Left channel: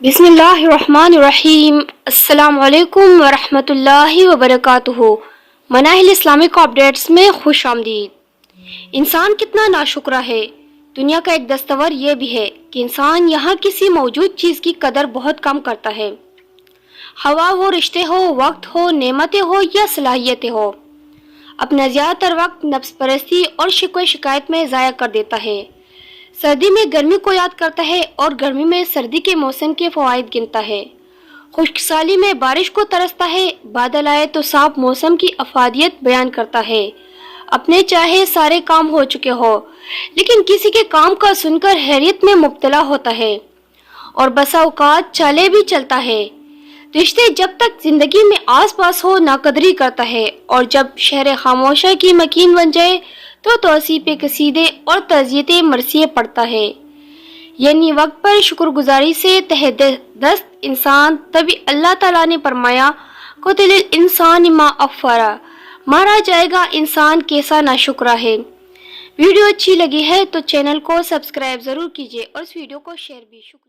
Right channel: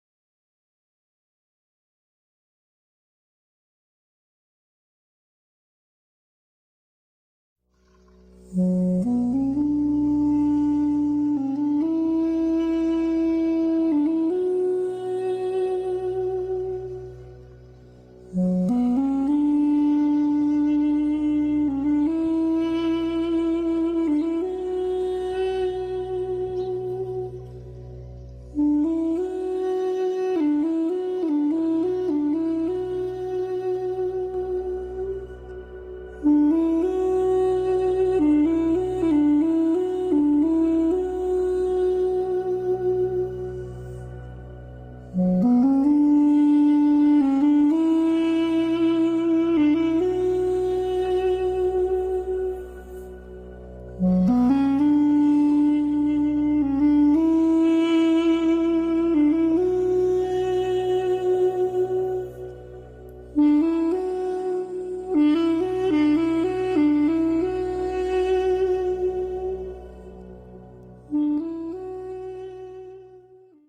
بسم اللہ الرحمن الرحیم۔ السلام علیکم ورحمۃ اللہ وبرکاتہ۔ مناہل اسلامک اپڈیٹس میں خوش آمدید۔ انسان کتنا ناشکرہ ہے۔ دنیا کا ایک دستور یہ بھی ہے کہ انسان یہاں کسی موجود چیز کی قدر بہت کم کرتا ہے۔ ہوا ہو، رشتے ہو، وقت ہو، نعمتیں ہو یا صلاحیتیں ہو، اپنا زیادہ تر وقت نفس پرستی اور شکوے شکایت میں ضائع کر دیتا ہے۔ سردی میں گرمی کو یاد کرتا ہے اور گرمی میں سردی کے موسم کے فوائد گنتا ہے۔ خشک سالی میں بارش کو ترستا ہے، بادل آئے تو صاف موسم کی افادیت بیان کرتا ہے۔ اپنے چاہے سارے کام ہو چکے ہو لیکن کسی کے کام کا سن کر حیرت میں مبتلا ہوتا ہے، اور بسا اوقات چالے بھی چلتا ہے۔ رشتے جب تک زندگی میں آس پاس ہو ناقدری کرتا ہے، اور جب شہر خاموشہ کی مکین بن جائے تو توصیف قصیدے اور تعزیت مرثیے پڑھتا ہے۔ یعنی وقت پر شکر گزاری سے تہ دست انسان، تبھی اللہ تعالیٰ نے فرمایا قتل الانسان ما اکفرہ، مارا جائے گا انسان کیسا ناشکرہ ہے۔ ویڈیو اچھی لگی ہے تو چینل کو سبسکرائب ضرور کیجیے اور اس ویڈیو کو شیئر بھی۔ شکریہ۔